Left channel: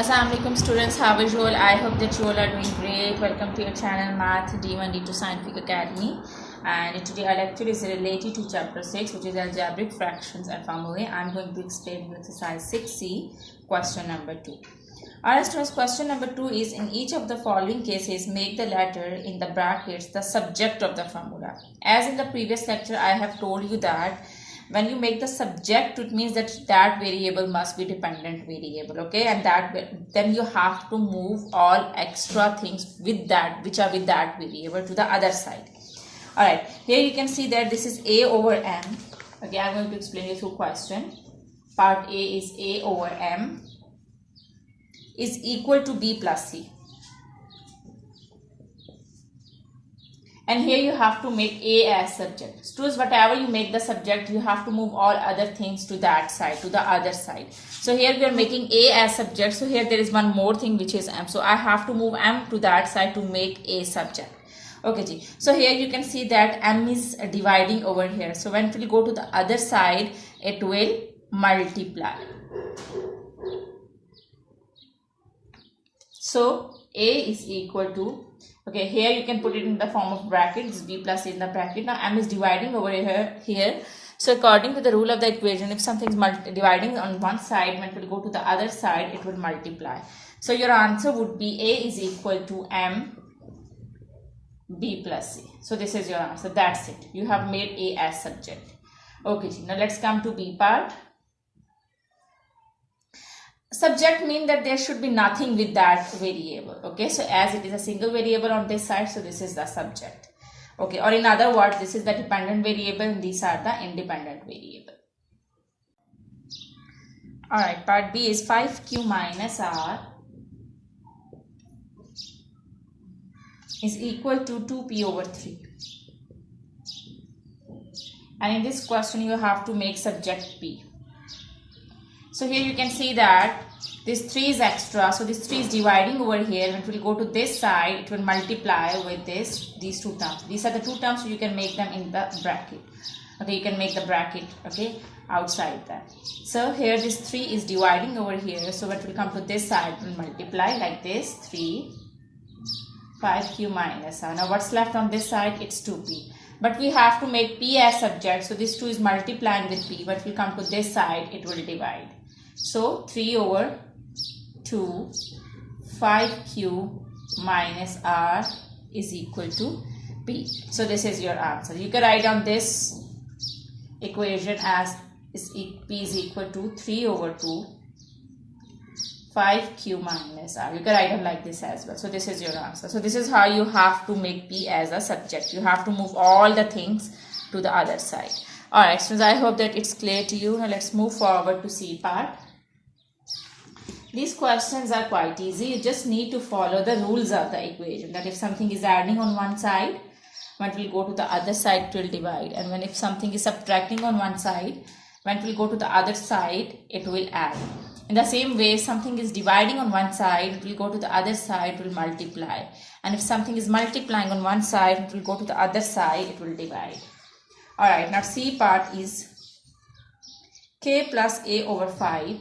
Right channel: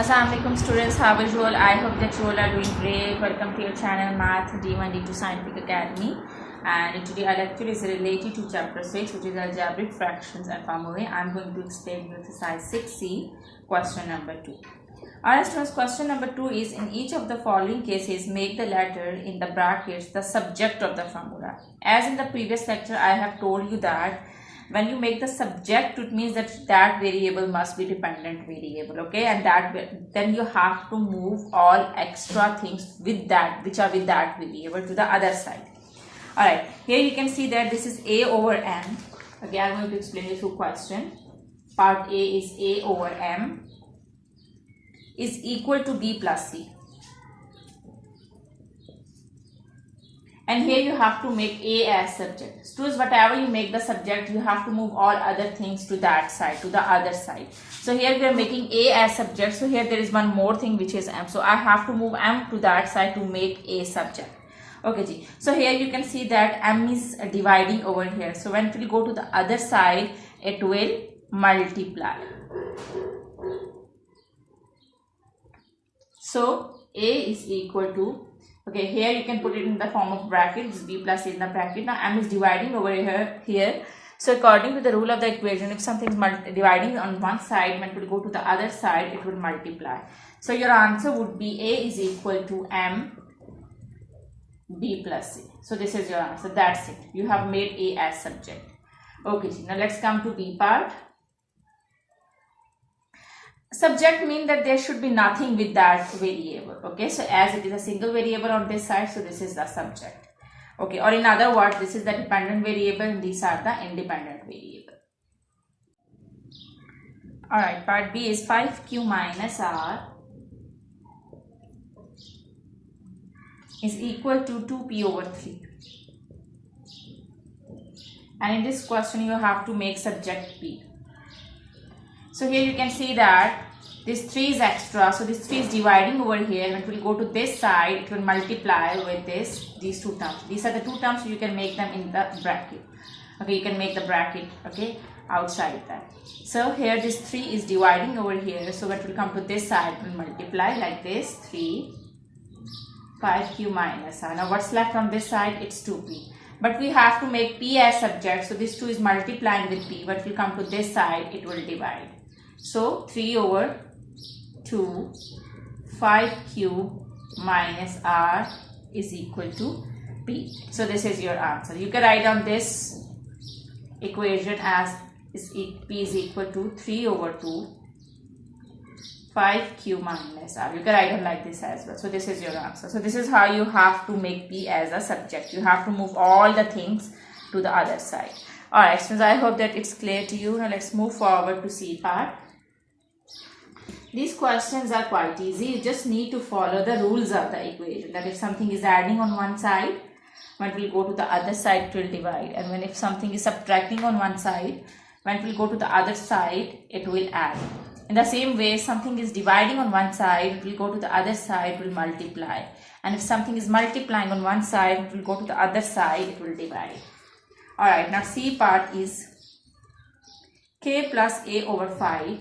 Assalamualaikum students, how are you all? I hope that you all are doing great. Welcome to your channel Math D1 D2 Scientific Academy. And today our lecture is related to chapter 6, which is algebraic fractions and formulae. I am going to explain you exercise 6C, question number 2. Alright students, question number 2 is, in each of the following cases, make the letter in the brackets the subject of the formula. As in the previous lecture, I have told you that when you make the subject, it means that that variable must be dependent variable, okay, and then you have to move all extra things with that, which are with that variable, to the other side. All right, here you can see that this is a over m. Okay, I'm going to explain you through question. Part A is a over m is equal to b plus c. And here you have to make A as subject. Students, whatever you make the subject, you have to move all other things to that side, to the other side. So here we are making A as subject. So here there is one more thing, which is M. So I have to move M to that side to make A subject. Okay, ji. So here you can see that M is dividing over here. So when we go to the other side, it will multiply. So A is equal to, okay, here you can put it in the form of brackets, b plus a in the bracket. Now m is dividing over here. So according to the rule of the equation, if something is dividing on one side, when it will go to the other side, it will multiply. So your answer would be A is equal to m b plus c. So this is your answer. That's it. You have made A as subject. Okay, now let's come to B part. Subject means that there should be nothing with that variable. Okay, so as it is a single variable on this side, so this is the subject. Okay, or in other words, this is the dependent variable and these are the independent variable. Alright, part B is 5q minus r is equal to 2p over 3. And in this question, you have to make subject p. So here you can see that this 3 is extra. So this 3 is dividing over here. When it will go to this side, it will multiply with these two terms. These are the two terms, so you can make them in the bracket. Okay, you can make the bracket, okay, outside that. So here this 3 is dividing over here. So when it will come to this side, it will multiply like this, 3, 5q minus r. Now what's left on this side? It's 2p. But we have to make p as subject. So this 2 is multiplying with p. When it will come to this side, it will divide. So 3 over 2, 5q minus r is equal to p. So this is your answer. You can write down this equation as p is equal to 3 over 2, 5q minus r. You can write them like this as well. So this is your answer. So this is how you have to make p as a subject. You have to move all the things to the other side. Alright, students, I hope that it's clear to you. Now let's move forward to C part. These questions are quite easy. You just need to follow the rules of the equation. That if something is adding on one side, when it will go to the other side, it will divide. And when if something is subtracting on one side, when it will go to the other side, it will add. In the same way, something is dividing on one side, it will go to the other side, it will multiply. And if something is multiplying on one side, it will go to the other side, it will divide. Alright, now C part is k plus a over 5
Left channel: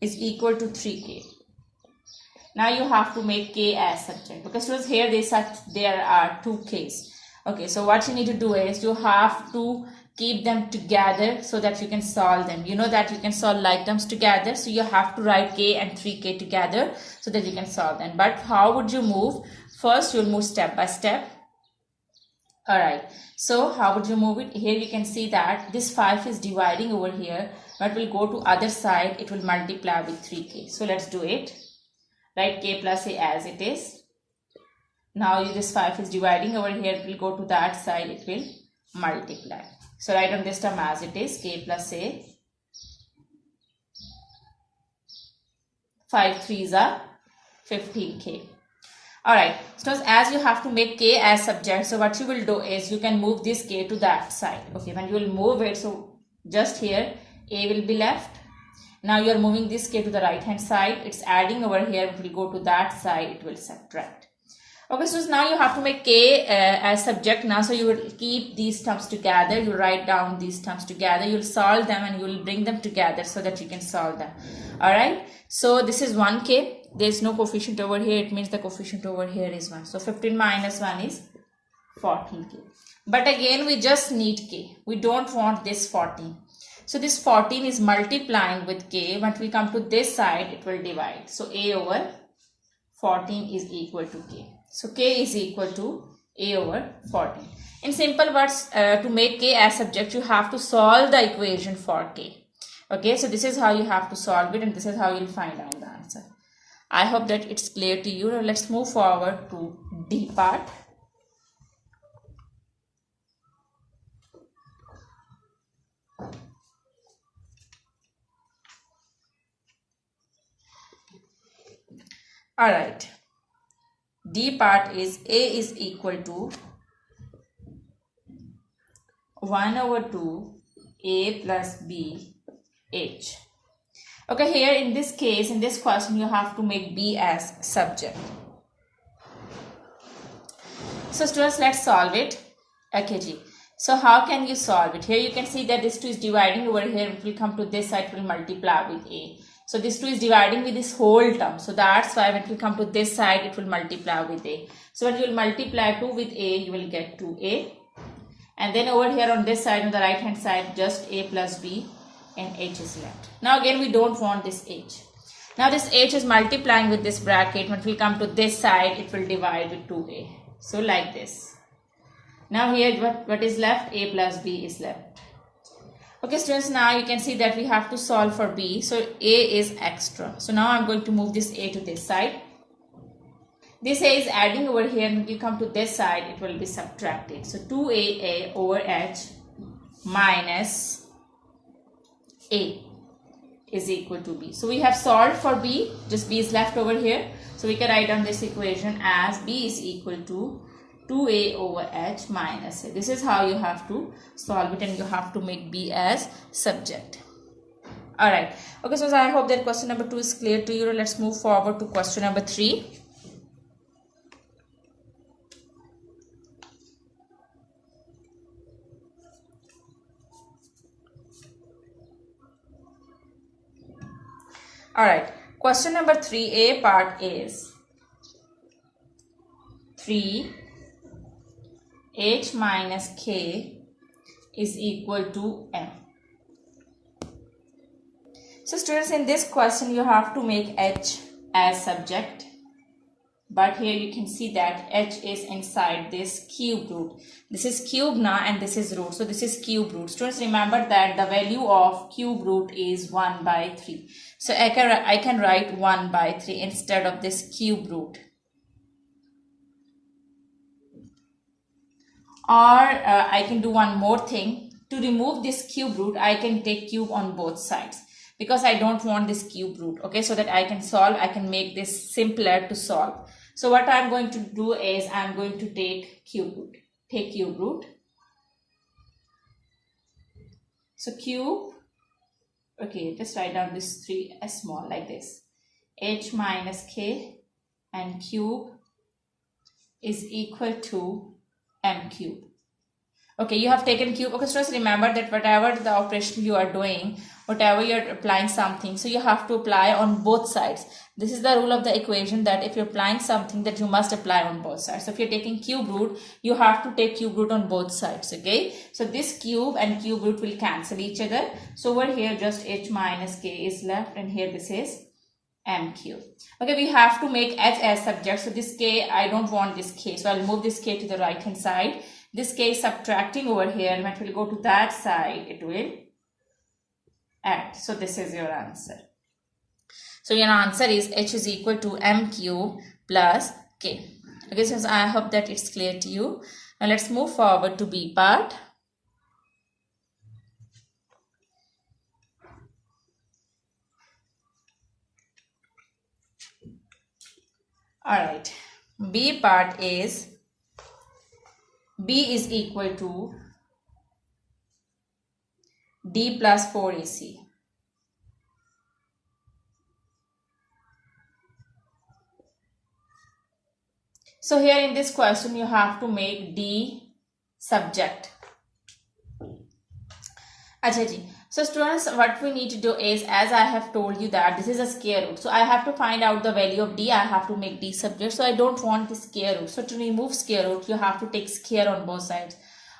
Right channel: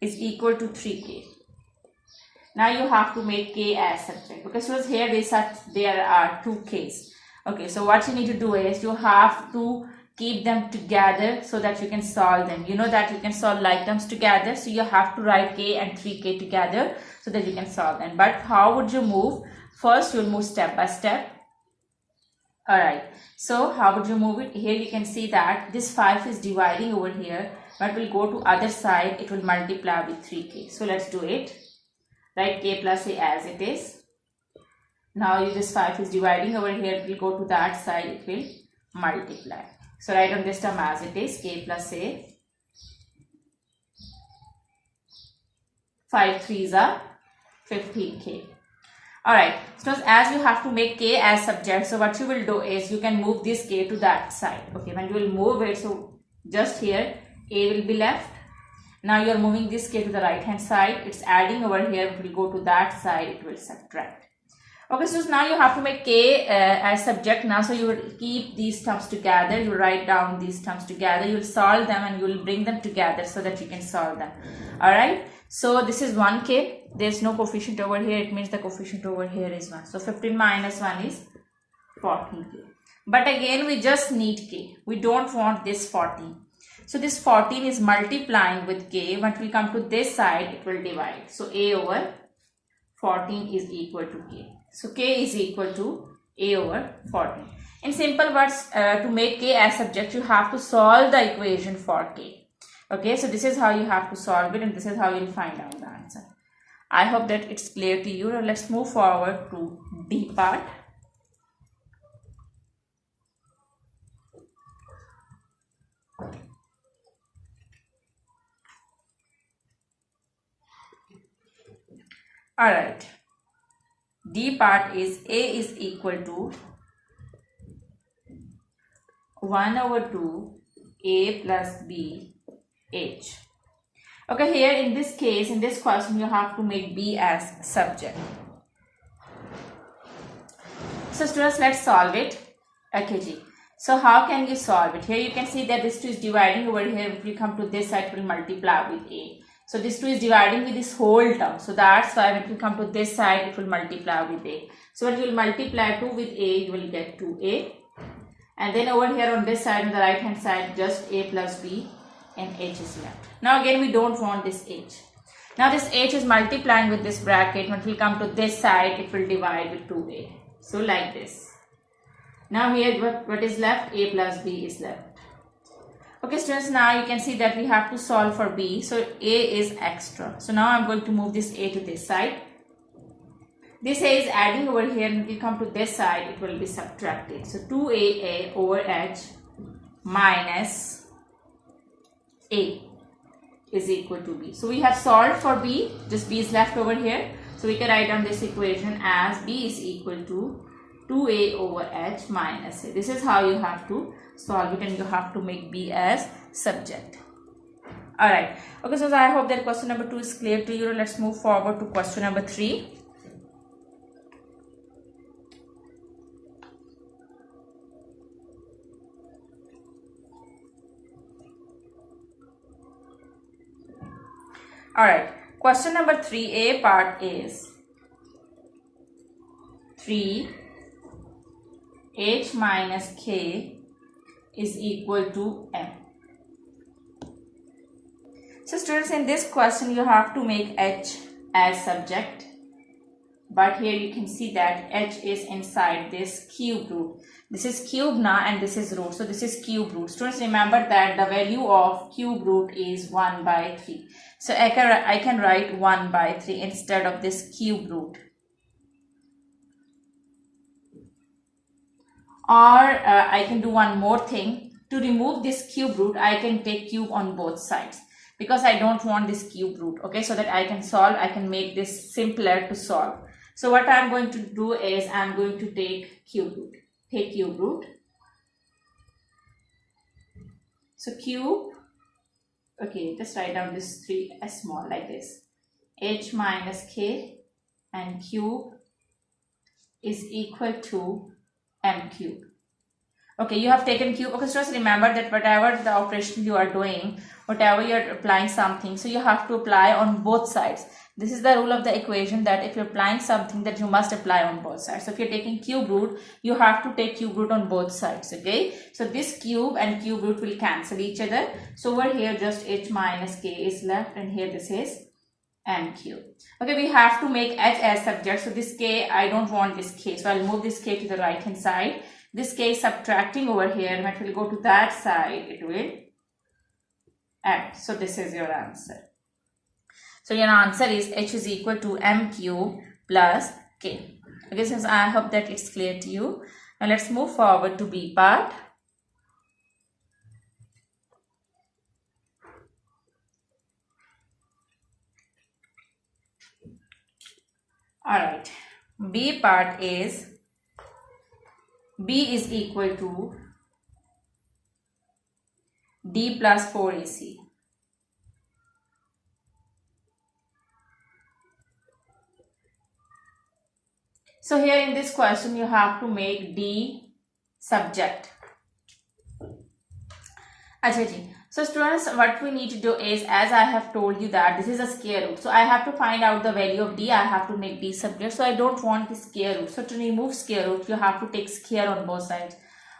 is equal to 3k. Now you have to make k as subject, because here there are two k's. Okay, so what you need to do is you have to keep them together so that you can solve them. You know that you can solve like terms together, so you have to write k and 3k together so that you can solve them. But how would you move? First, you will move step by step. Alright, so how would you move it? Here you can see that this 5 is dividing over here, but will go to other side, it will multiply with 3k. So let's do it. Write k plus a as it is. Now this 5 is dividing over here, it will go to that side, it will multiply. So write on this term as it is, k plus a. 5 3s are 15k. Alright, so as you have to make k as subject, so what you will do is you can move this k to that side. Okay, when you will move it, so just here a will be left. Now you are moving this k to the right hand side, it's adding over here, it will go to that side, it will subtract. Okay, so now you have to make K as subject now. So you will keep these terms together. You write down these terms together. You will solve them and you will bring them together so that you can solve them. Alright. So this is 1K. There is no coefficient over here. It means the coefficient over here is 1. So 15 minus 1 is 14K. But again, we just need K. We don't want this 14. So this 14 is multiplying with K. When we come to this side, it will divide. So A over 14 is equal to K. So K is equal to A over 14. In simple words, to make K as subject, you have to solve the equation for K. Okay, so this is how you have to solve it and this is how you will find out the answer. I hope that it's clear to you. Now let's move forward to D part. Alright. D part is A is equal to 1 over 2 A plus B H. Okay, here in this case, in this question, you have to make B as subject. So students, let's solve it. Okay, G. So how can you solve it? Here you can see that this 2 is dividing over here. If we come to this side, it will multiply with A. So this 2 is dividing with this whole term. So that's why when we come to this side, it will multiply with A. So when you will multiply 2 with A, you will get 2A. And then over here on this side, on the right hand side, just A plus B and H is left. Now again, we don't want this H. Now this H is multiplying with this bracket. When we come to this side, it will divide with 2A. So like this. Now here what is left? A plus B is left. Okay students, now you can see that we have to solve for B. So A is extra. So now I'm going to move this A to this side. This A is adding over here. When you come to this side, it will be subtracted. So 2AA over H minus A is equal to B. So we have solved for B. Just B is left over here. So we can write down this equation as B is equal to 2A over H minus A. This is how you have to solve it and you have to make B as subject. Alright. Okay, so I hope that question number 2 is clear to you. Let's move forward to question number 3. Alright. Question number 3A part is 3 H minus K is equal to M. So students, in this question you have to make H as subject, but here you can see that H is inside this cube root. This is cube now and this is root, so this is cube root. Students, remember that the value of cube root is 1 by 3. So I can write 1 by 3 instead of this cube root. Or I can do one more thing. To remove this cube root, I can take cube on both sides because I don't want this cube root. Okay, so that I can solve, I can make this simpler to solve. So what I'm going to do is I'm going to take cube root. Take cube root. So cube, okay, just write down this 3 as small like this. H minus K and cube is equal to M cube. Okay, you have taken cube. Okay, so just remember that whatever the operation you are doing, whatever you are applying something, so you have to apply on both sides. This is the rule of the equation that if you're applying something, that you must apply on both sides. So if you're taking cube root, you have to take cube root on both sides. Okay, so this cube and cube root will cancel each other. So over here just H minus K is left and here this is M cube. Okay, we have to make H as subject. So this K, I don't want this K. So I'll move this K to the right hand side. This K is subtracting over here. When it will go to that side, it will add. So this is your answer. So your answer is H is equal to M cube plus K. Okay, since I hope that it's clear to you. Now let's move forward to B part. Alright, B part is B is equal to D plus 4AC. So here in this question, you have to make D subject. Achha ji. So students, what we need to do is, as I have told you that this is a square root. So I have to find out the value of D. I have to make D subject. So I don't want the square root. So to remove square root, you have to take square on both sides.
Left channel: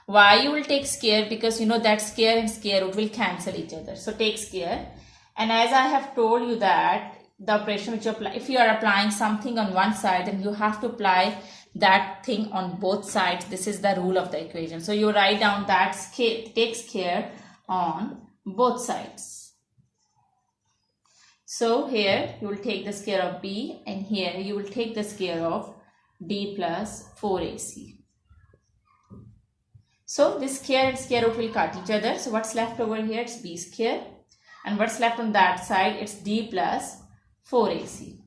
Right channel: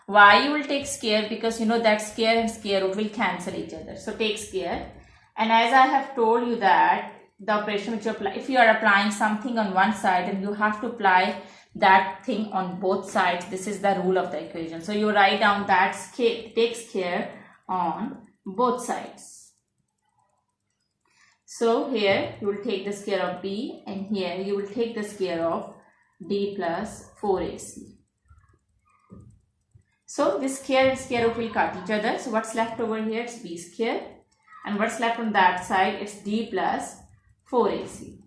Why you will take square? Because you know that square and square root will cancel each other. So take square. And as I have told you that the operation which you apply, if you are applying something on one side, then you have to apply that thing on both sides. This is the rule of the equation. So you write down that take square on both sides. So here you will take the square of B, and here you will take the square of D plus 4AC. So this square and square root will cut each other. So what's left over here is B square, and what's left on that side it's D plus 4AC.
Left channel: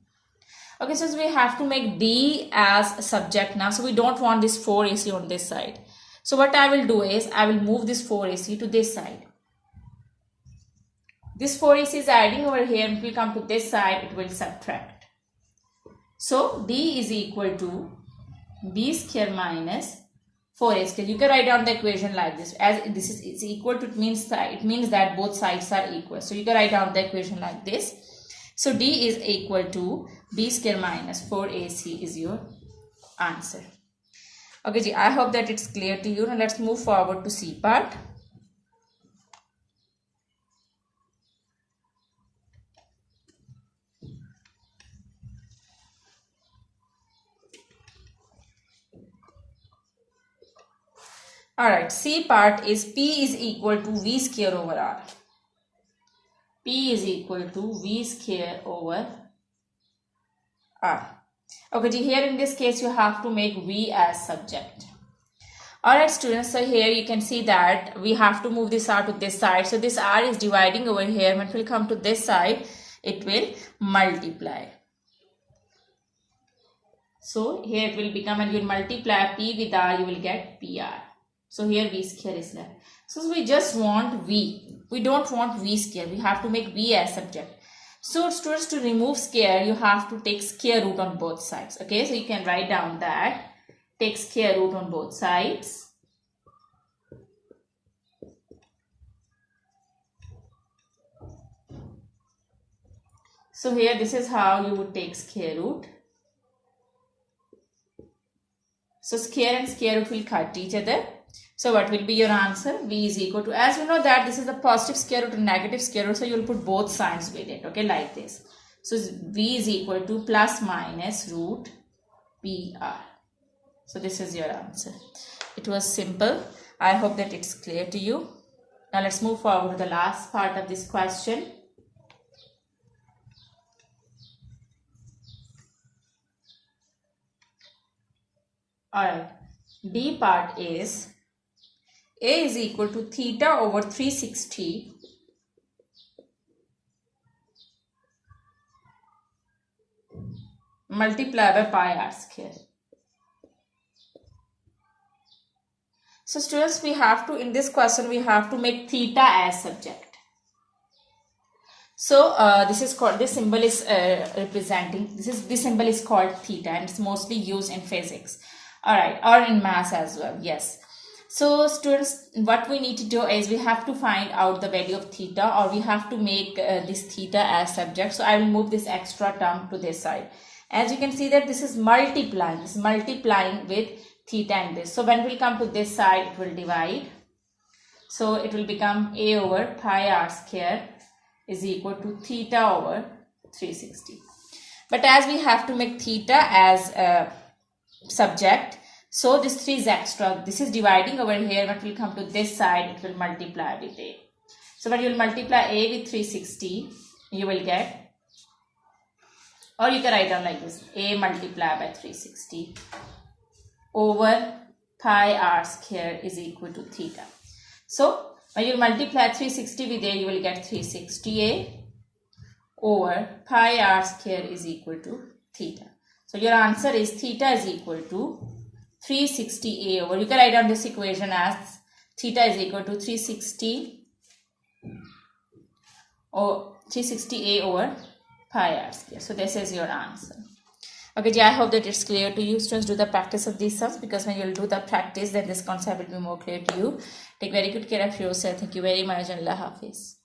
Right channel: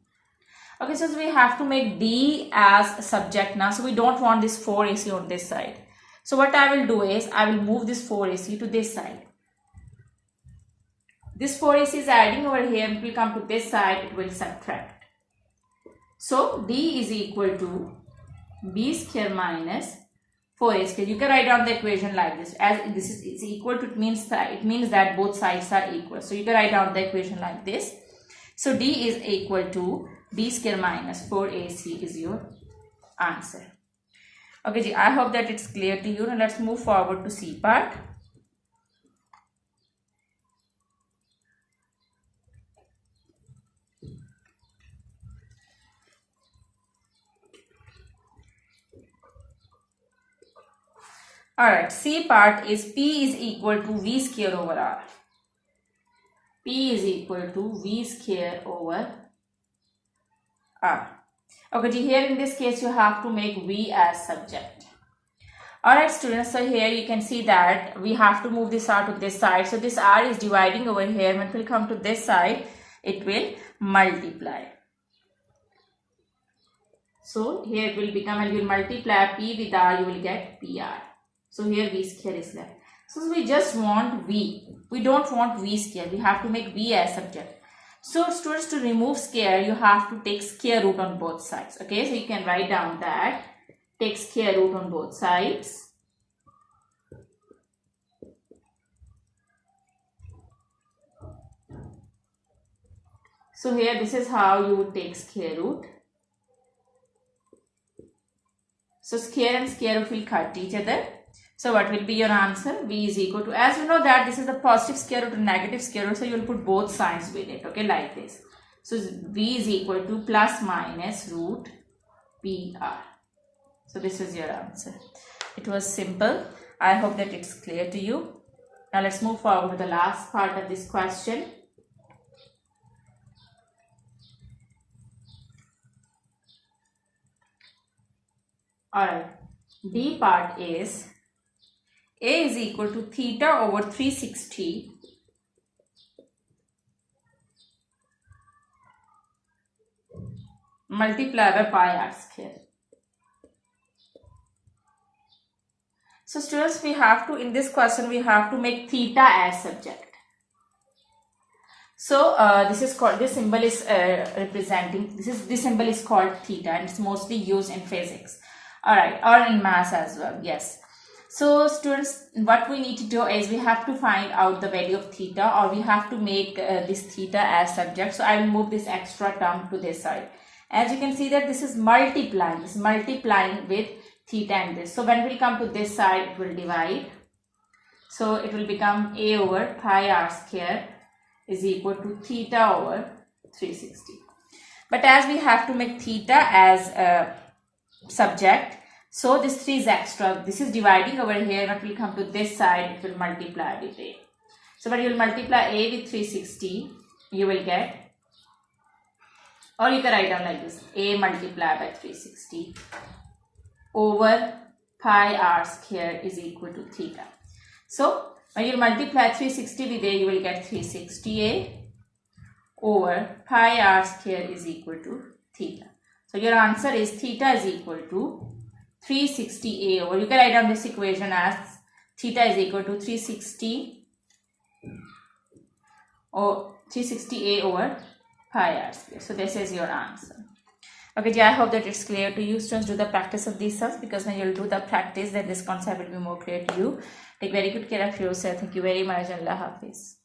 Okay, so we have to make D as a subject now. So we don't want this 4AC on this side. So what I will do is I will move this 4AC to this side. This 4AC is adding over here, and if we come to this side, it will subtract. So D is equal to B square minus 4A square. You can write down the equation like this. As this is equal to, it means that both sides are equal. So you can write down the equation like this. So D is equal to B square minus 4AC is your answer. Okay, ji, I hope that it's clear to you. Now let's move forward to C part. Alright, C part is P is equal to V square over R. P is equal to V square over R. Okay, here in this case you have to make V as subject. Alright students, so here you can see that we have to move this R to this side. So this R is dividing over here. When it will come to this side, it will multiply. So here it will become, and you will multiply P with R, you will get PR. So here V square is left. So we just want V. We don't want V square. We have to make V as subject. So students, to remove square, you have to take square root on both sides. Okay, so you can write down that. Take square root on both sides. So here this is how you would take square root. So square and square root will cut each other. So what will be your answer? V is equal to, as we know that this is the positive square root and negative square root, so you will put both signs with it, okay, like this. So V is equal to plus minus root PR. So this is your answer. It was simple. I hope that it's clear to you. Now let's move forward to the last part of this question. Alright, D part is A is equal to theta over 360 multiplied by pi r square. So students, we have to, in this question, we have to make theta as subject. So this is called, this symbol is representing, this symbol is called theta, and it's mostly used in physics. Alright, or in maths as well, yes. So students, what we need to do is we have to find out the value of theta, or we have to make this theta as subject. So I will move this extra term to this side. As you can see that this is multiplying, with theta and this. So when we come to this side, it will divide. So it will become A over pi r square is equal to theta over 360. But as we have to make theta as a subject, so this 3 is extra. This is dividing over here. When we come to this side, it will multiply with A. So when you will multiply A with 360, you will get, or you can write down like this, A multiplied by 360 over pi r square is equal to theta. So when you multiply 360 with A, you will get 360A over pi r square is equal to theta. So your answer is theta is equal to 360A over, you can write down this equation as theta is equal to 360 or 360A over pi r square. So this is your answer. Okay, Ji, I hope that it's clear to you. Students, do the practice of these sums, because when you'll do the practice, then this concept will be more clear to you. Take very good care of yourself. Thank you very much. Allah Hafiz.